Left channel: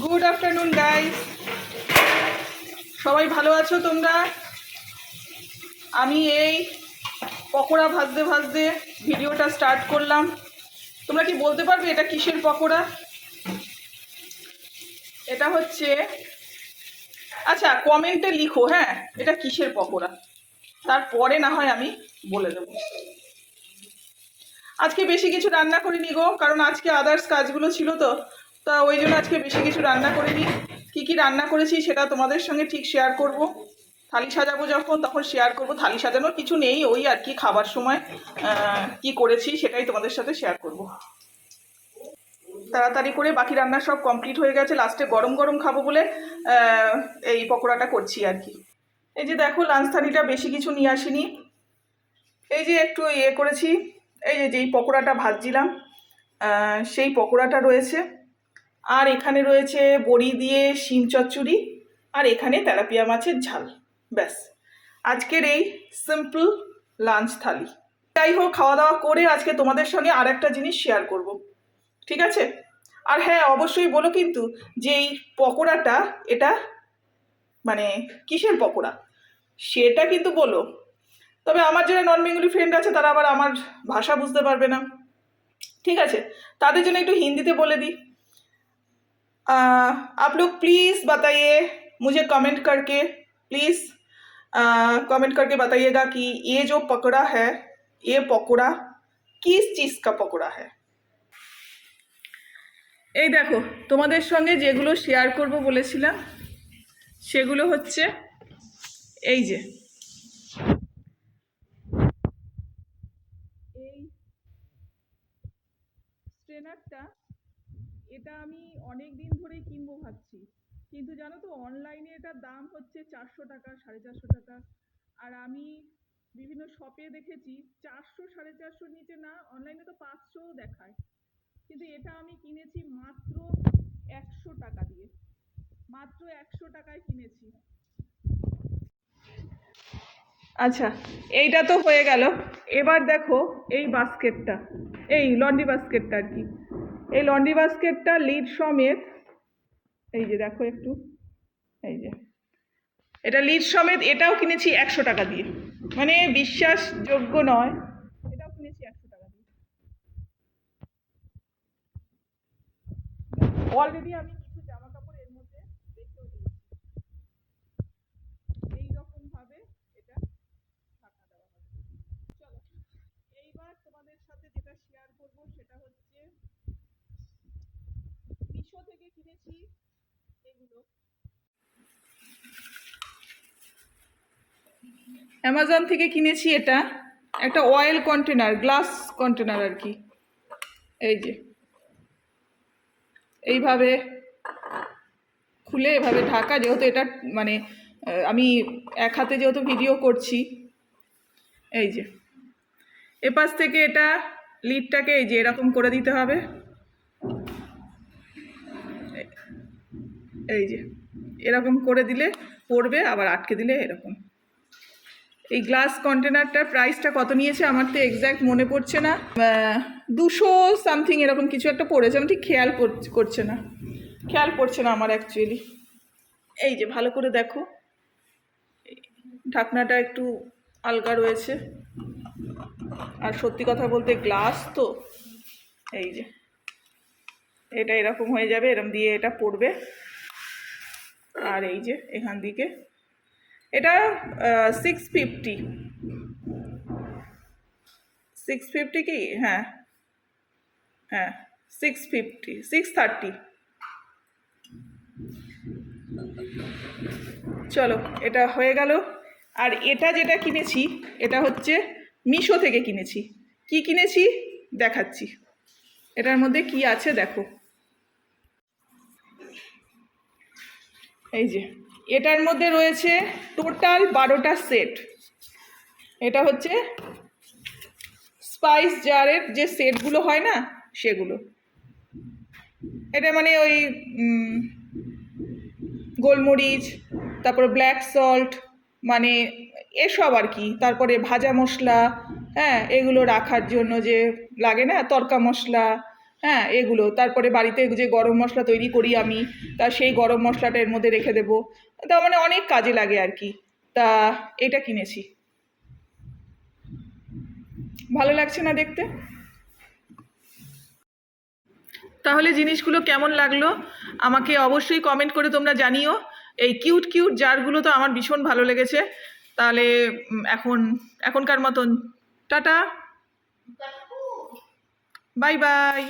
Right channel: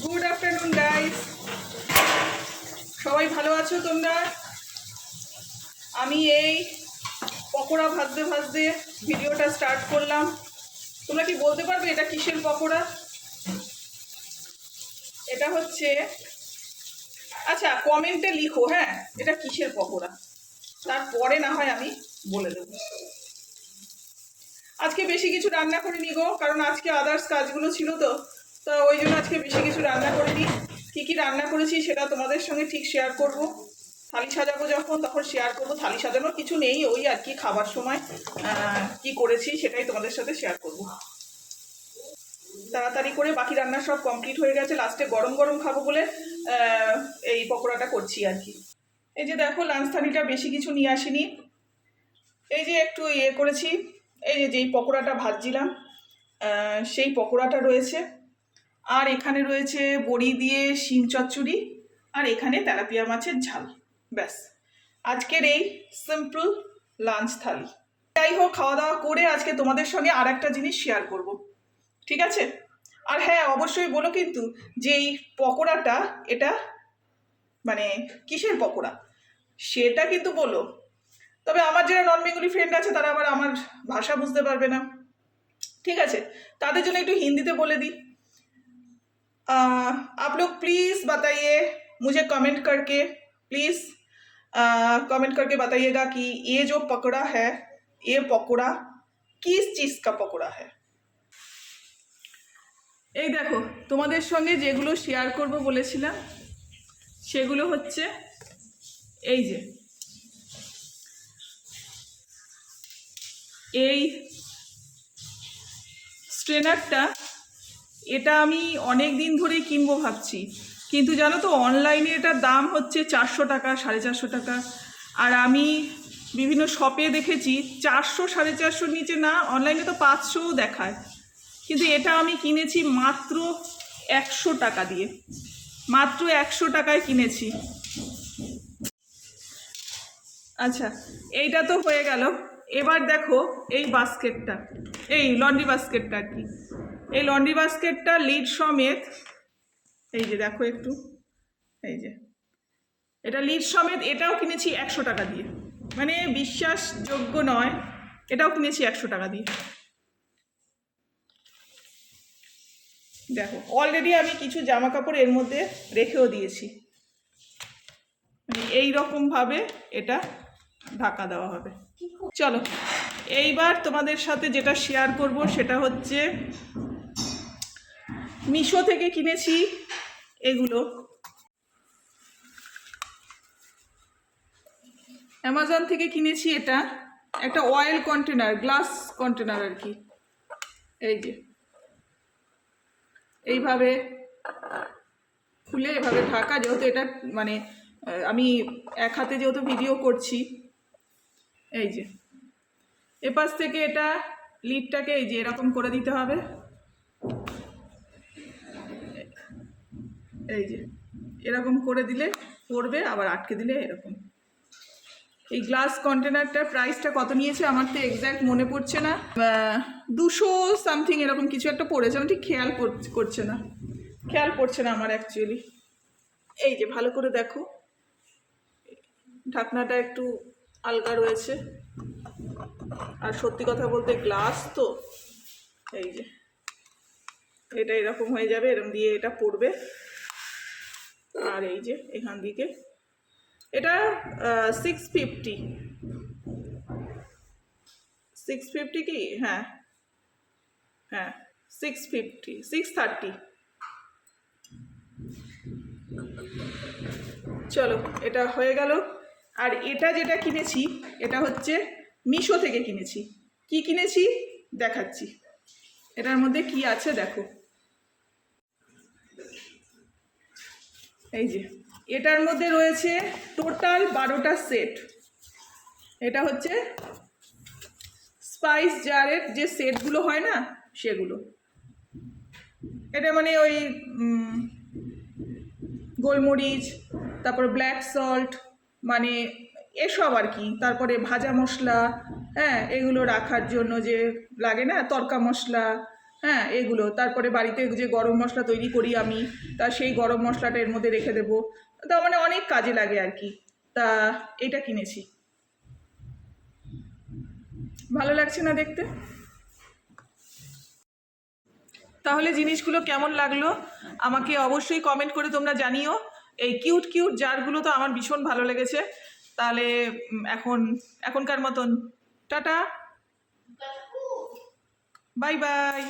Good afternoon guys সবাই ভালো আছো তোমরা? আমি এই পকোড়া ভাজতে ভাজতে ভিডিওটা স্টার্ট করলাম। তোমরা কি বলতে পারবে এটা কিসের পকোড়া? এটা হচ্ছে আচ্ছা কমেন্টে লিখো হ্যাঁ এটা কিসের পকোড়া? তারপরে না হয় আমি বলে দেবো। আজকে বেশি কিছু রান্না করিনি গো, কারণ আজকে আদার্স কাজগুলো ছিল তো। তা ওই জন্য আজকে বেশি কিছু রান্না করিনি। কী কী রান্না করেছি সেটা তোমাদের সঙ্গে ঠিক শেয়ার করব। থালি সাজাবো যখন, তখন শেয়ার করব। থালি সাজানোর কিছু নেই, ওই আর কি খাবার সময় কি করেছি সেটাই তোমাদের সাথে শেয়ার করব। তাড়াতাড়ি করে বাকি রান্না সব কমপ্লিট হয়ে গেছে। লাস্টে গরম গরম খাব বলে এই পকোড়াটা করছি আর কি। এই যে দেখো লাঞ্চ থালিটা বেশি কিছু নিয়ে আসিনি। এই যে একটু ইয়ে করেছি, এই যে যেই পকোড়াটা ভাজছিলাম সেই পকোড়াটা রয়েছে। আর এখানে রয়েছে বড়ি দিয়ে শিম চচ্চড়ি, আর এখানে তেলাপিয়া মাছের ঝাল। ব্যাস। আজকের এই সিম্পল লাঞ্চ থালি। যাই হোক খাওয়া দাওয়া করে আজকে তোমাদের সঙ্গে আর একটা জিনিস শেয়ার করব। ঠিক আছে? আর হ্যাঁ অবশ্যই বলো কিন্তু যে এই পকোড়াটা, এটা মানে কিসের পকোড়া? সেটা কিন্তু বলো। তবে আমার যারা নন বেঙ্গলি ফ্রেন্ড আছে, তারা আবার আমার ভাষা বুঝতে পারবে না। ঠিক আছে? তাদের জন্য একটু হিন্দিতে বলে দিই। आप लोग प्लीज़ बताइए मुझे कमेंट करके प्लीज़ कमेंट करके बताइएगा कि ये जो पकौड़ा है ये पकौड़ा किस चीज़ का पकौड़ा है এই দেখো তোমাদের সঙ্গে যেগুলো শেয়ার করব বলেছিলাম সেগুলো হচ্ছে এই যে এই স্ট্রেনারটা এটা আমি অনেক দিন ধরেই কিনবো ভাবছি। কিন্তু জানো তো অনলাইনে এটার দাম হচ্ছে চারশো টাকা, সাড়ে চারশো টাকা। আর আমি বিভিন্ন শপে দেখেছি, চারশো, সাড়ে চারশোর নিচে না অনলাইনে তো পাঁচশোও দেখায়। কিন্তু এটা আমি কিনেছি মাত্র একশো টাকা দিয়ে। মাত্র একশো টাকায় কিনেছি। আচ্ছা এইটা তো হয়ে গেল। এবার দেখো এই বাস্কেটটা। এই লন্ড্রি বাস্কেটটা আর কি। এই লন্ড্রি বাস্কেটটা লিড সমেত, এই যে দেখো একটু, এই যে। এটা লিড সমেত, এটাও কিনেছি একশো টাকা দিয়ে। মানে বিশ্বাসযোগ্য নয়, এটাও কিনেছি একশো টাকা দিয়ে। দেখো অলরেডি আমি কিছু জামা কাপড় এর মধ্যে রেখেও দিয়েছি। মানে এই রকমভাবে এটা ঢাকা দেওয়া হবে। চলো, এইবার তোমাদের সাথে যেটা শেয়ার করব সেটা হচ্ছে মিশো থেকে কিনেছি এগুলো। অ্যামাজন থেকে কিনেছি এটা। একটা অয়েল কন্টেনার গ্লাস কন্টেনার আর কি। এই যে। এইভাবে খুলে এভাবে ঢাকা, যেহেতু এটা মানে আমি এক হাতে যেহেতু ভিডিও করছি। এই যে। এপাশ থেকে এটা লিডটাকে এই যে এরকম করে দিতে হবে। এই যে, এরকম করে দিলে পড়বে, আবার আটকে দিলে এরকম। এই গ্লাস কন্টেনারটার প্রাইসটা কত নিয়েছে আমার তো এক্স্যাক্ট মনে পড়ছে না। দুশো সামথিং এরকম কিছু একটা পড়েছে, আমি ঠিক খেয়াল করছে না। খেয়াল পড়ছে না আমার অ্যাকচুয়ালি এই যে, ভালো করে দেখো। ঢাকনাটা একটু আলগা রয়েছে। আর সত্যি কথা বলতে গ্লাস তো, এই যে। এটা এরকম হয়ে যাবে এরকম দিয়ে এটা পড়বে। আর এই যে এখান দিকে। এটা সিক্স ফিফটি সিক্স ফিফটি কি? হ্যাঁ। হ্যাঁ সিক্স ফিফটি সিক্স থার্টি চলো, এটা হয়ে গেল। আর এটা যেটা কিনেছি, এটা হচ্ছে মিশো থেকে কিনেছি। কি কিনেছি? দেখাচ্ছি। এটার মধ্যে কি আছে দেখো। এই যে, এটার মধ্যে রয়েছে টোটাল বারোটা সেট এটা হচ্ছে স্পাইস জারের যে সেটগুলো হয় না, সেগুলো। এটা মানে ওই গোলমরিচ, তারপরে ব্ল্যাক সল্ট মানে এসব আর কি। তারপরে ভাজা মশলা হ্যাঁ এগুলো রাখার জন্য যে লাগে না, তরকা মশলা হ্যাঁ এগুলো। তারপরে বাড়িতে যে গরম মশলা তৈরি করি আমি তা সেই গরম মশলাটা এর মধ্যে রেখে দেবো। তা মানে অনেক কাজে লাগে আর কি। তা এটা কিনেছি। ভালো লাগছে না দেখতে? তাহলে জিনিসগুলো কেমন লাগল? আমাকে অবশ্যই কমেন্ট করে তোমরা জানিও। এই কিউট কিউট জারগুলো তো আমার ভীষণ ভালো লেগেছে। তাহলে এখন এখনকার মতন। টাটা। Bye bye